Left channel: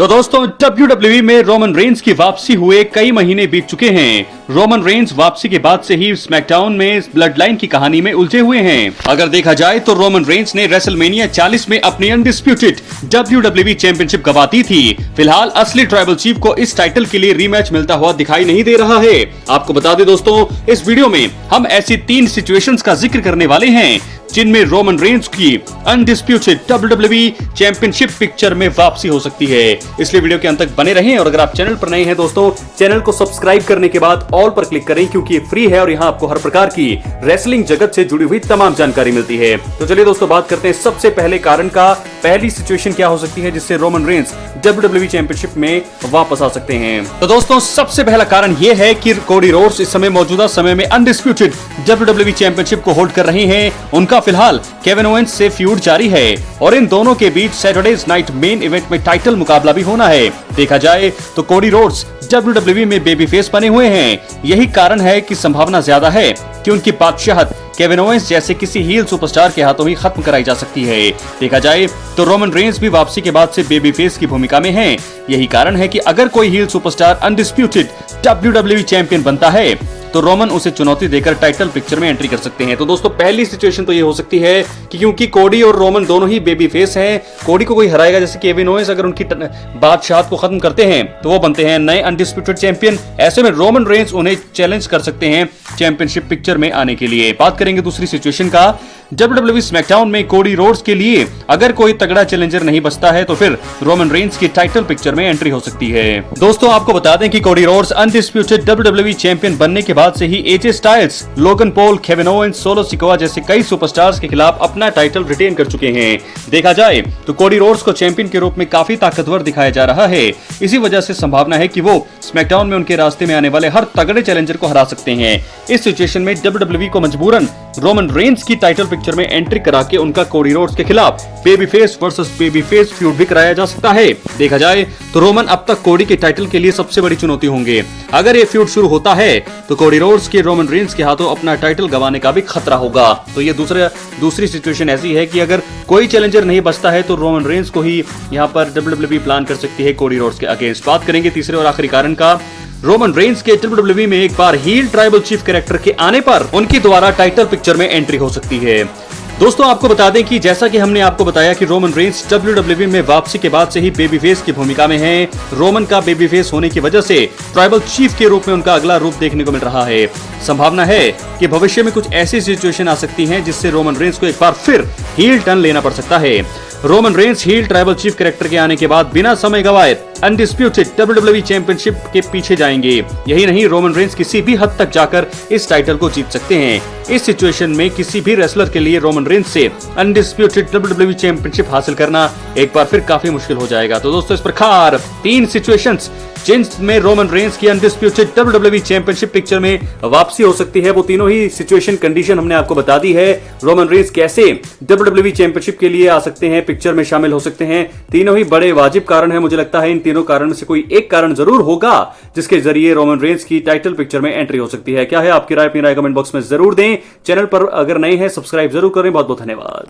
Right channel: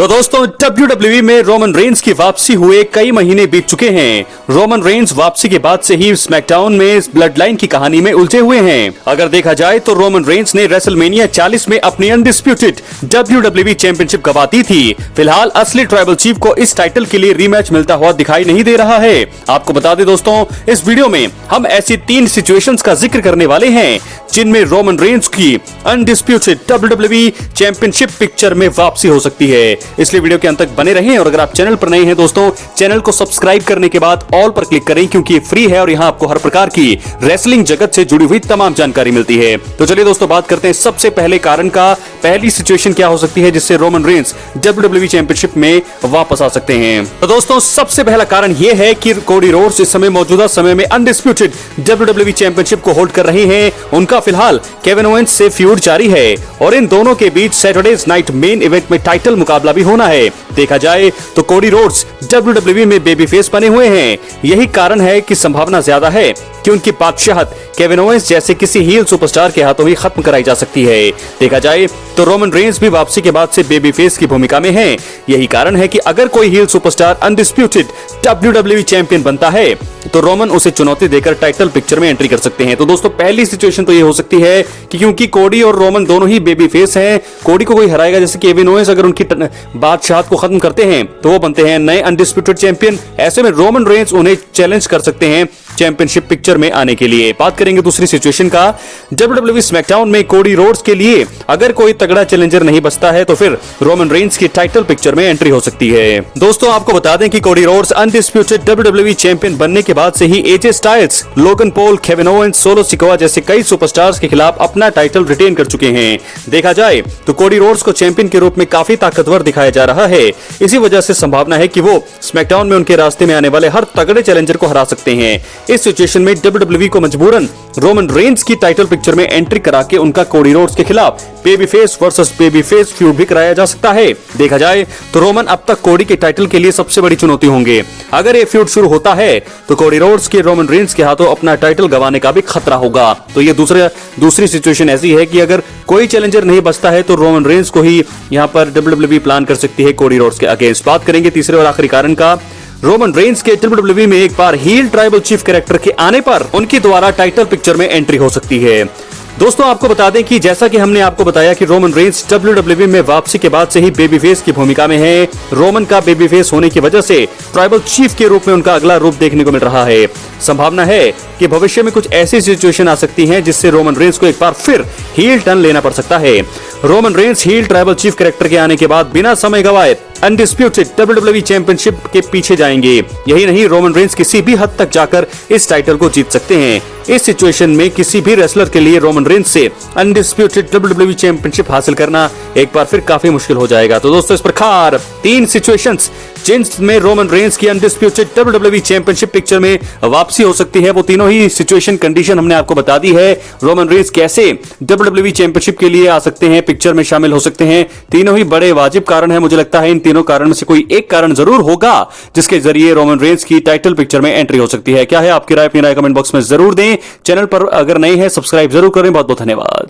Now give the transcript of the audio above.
तो दोस्तों WWE में रोमन रेंस की वापसी हुए कई महीने बीत चुके हैं। रोमन रेंस वापसी के बाद से ही स्मैकडाउन में ब्लड लाइन की कहानी में उलझे हुए हैं। अगर देखा जाए तो रोमन रेंस ने रेसलमेनिया 40 में अपनी अनडिस्प्यूटेड WWE चैंपियनशिप गंवा दी थी। फिलहाल असली ट्राइबल चीफ को इस टाइटल के लिए रीमैच मिलता हुआ दिखाई नहीं दे रहा है। आपको बता दें दोस्तों, इस वीडियो में हम ऐसी 3 सिचुएशंस का जिक्र करने वाले हैं जिनमें रोमन रेंस की अनडिस्प्यूटेड WWE चैंपियनशिप पिक्चर में वापसी हो सकती है। इसलिए वीडियो के अंत तक बने रहें और अगर आप चैनल पर नए हैं दोस्तों, चैनल को सब्सक्राइब करने के बाद ऑल पर क्लिक करें क्योंकि ये फ्री है और यहाँ आपको हर प्रकार की रेसलिंग जगत से जुड़ी हुई तमाम जानकारी मिलती है। तो चलिए दोस्तों बात करते हैं सबसे पहले कारण का। पहली सिचुएशन क्या हो सकती है जिससे रोमन रेंस WWE चैंपियनशिप में वापस आ सकते हैं। तो दोस्तों सबसे पहला कारण यह है कि कोडी रोड्स इस समय मौजूदा समय में अनडिस्प्यूटेड WWE चैंपियनशिप को होल्ड कर रहे हैं। उनका फिलहाल केविन ओवेंस से फ्यूड जारी है और इन दोनों के बीच सैटरडेज नाइट मेन इवेंट में टाइटल मुकाबला भी होना है। देखा जाए तो कोडी रोड्स WWE में बेबी फेस बने हुए हैं। यही कारण है कि संभावना ज्यादा है कि उनकी बादशाहत केविन ओवेंस जैसे किसी हील सुपरस्टार के हाथों ही खत्म कराई जा सकती है। देखा जाए तो रोमन रेंस भी वापसी के बाद से बेबी फेस की भूमिका में हैं। यही कारण है कि अगर कोई heel superstar undisputed WWE champion बनता है तो रोमन उसे चुनौती देकर टाइटल पिक्चर में एंट्री कर सकते हैं। तो दोस्तों पहली सिचुएशन तो ये हो सकती है कि क्योंकि कोडी और रोमन दोनों ही बेबी फेस हैं, कोडी को कोई हराएगा जैसे केविन ओवेंस अगर उनकी बादशाहत को खत्म करते हैं तो वो बनते हैं नए अनडिस्प्यूटेड चैंपियन। ऐसे में रोमन रेंस उन्हें चैलेंज कर सकते हैं चैंपियनशिप पिक्चर में आने के लिए। बात करेंगे दूसरी सिचुएशन का। WWE स्मैकडाउन में कोडी रोड्स के लिए अगर कोई तगड़ा चैलेंजर नहीं बचता है तो फिर रोमन रेंस की टाइटल पिक्चर में एंट्री हो सकती है। दोस्तों आपको बता दें कि Cody Rhodes undisputed WWE champion बनने के बाद से ही AJ styles, Logan Paul, Kevin Owens, solo Sikoa जैसे कई सुपरस्टार्स के खिलाफ अपना टाइटल रिटेन कर चुके हैं। देखा जाए तो कोडी रोड्स को चैंपियन के रूप में काफी ताकतवर दिखाया जा रहा है। इसी वजह से संभावना है कि वो स्मैकडाउन में उनके रास्ते में आने वाले हर तगड़े चैलेंजर को हरा सकते हैं। इस सिचुएशन में WWE को मजबूरन रोमन रेंस की टाइटल पिक्चर में एंट्री करा के उनका कोडी रोड्स के खिलाफ babyface versus babyface feud भी कराया जा सकता है। देखा जाए तो रोमन अब तक कोडी के टाइटल के लिए सबसे बड़ी चुनौती होंगे। अगर ये फ्यूड शुरू होता है तो कोडी रोड्स के रोमन रेंस के हाथों अपना टाइटल गंवाने का भी खतरा होगा। तो ये दूसरी सिचुएशन ऐसी है कि अगर कोई चैलेंजर नहीं बचता है तो रोमन रेंस को ही यहाँ पर WWE प्लान कर सकती है कोडी रोड्स के अगेंस्ट। बात करेंगे तीसरे और आखिरी कारण का। रोमन रेंस के WWE में एक बार हील ट्राइबल चीफ कैरेक्टर के आने पर उनके द्वारा टाइटल पिक्चर में एंट्री हो सकती है। दोस्तों आपको बता दें कि जैसा कि हमने आपको बताया कि रोमन रेंस WWE में वापसी के बाद से ही बेबी फेस की भूमिका में है। रोमन का बेबी फेस होने की वजह से ट्राइबल चीफ के रूप में उनका अगला रूप देखने को मिल रहा है। संभावना है कि भविष्य में कुछ ऐसी सिचुएशन आ सकती हैं जिससे रोमन रेंस को एक बार फिर हील टर्न लेना पड़ सकता है। Roman Reigns heel tribal chief character के आने के बाद बिना समय गवाए अनडिस्प्यूटेड WWE चैंपियनशिप के पीछे जाएंगे। यही नहीं, रोमन रेंस किसी भी हद तक जाकर इस टाइटल को जीत सकते हैं। इस सिचुएशन में किसी भी रेसलर के लिए रोमन रेंस से अनडिस्प्यूटेड WWE चैंपियनशिप हासिल करना एक बार फिर काफी मुश्किल हो जाएगा। तो दोस्तों इस प्रकार 3 सिचुएशंस जिनमें रोमन रेंस की अनडिस्प्यूटेड WWE चैंपियनशिप पिक्चर में वापसी हो सकती है, वो तीनों ही सिचुएशन कंडीशन हमने आपको बता दी है। रोमन रेंस कैसे WWE चैंपियनशिप के लिए आ सकते हैं, पिक्चर में शामिल हो सकते हैं, तीनों ही बड़े वाजिब कारण है। मुझे लगता है इन तीनों कारण में से कोई एक कारण जरूर होगा जिसके जरिए रोमन रेंस की टाइटल पिक्चर में एंट्री हो सकती है। क्या है आपकी राय? अपनी राय कमेंट बॉक्स में जरूर दें। चैनल पर अगर नए हैं सब्सक्राइब जरूर करें। बहुत बहुत धन्यवाद।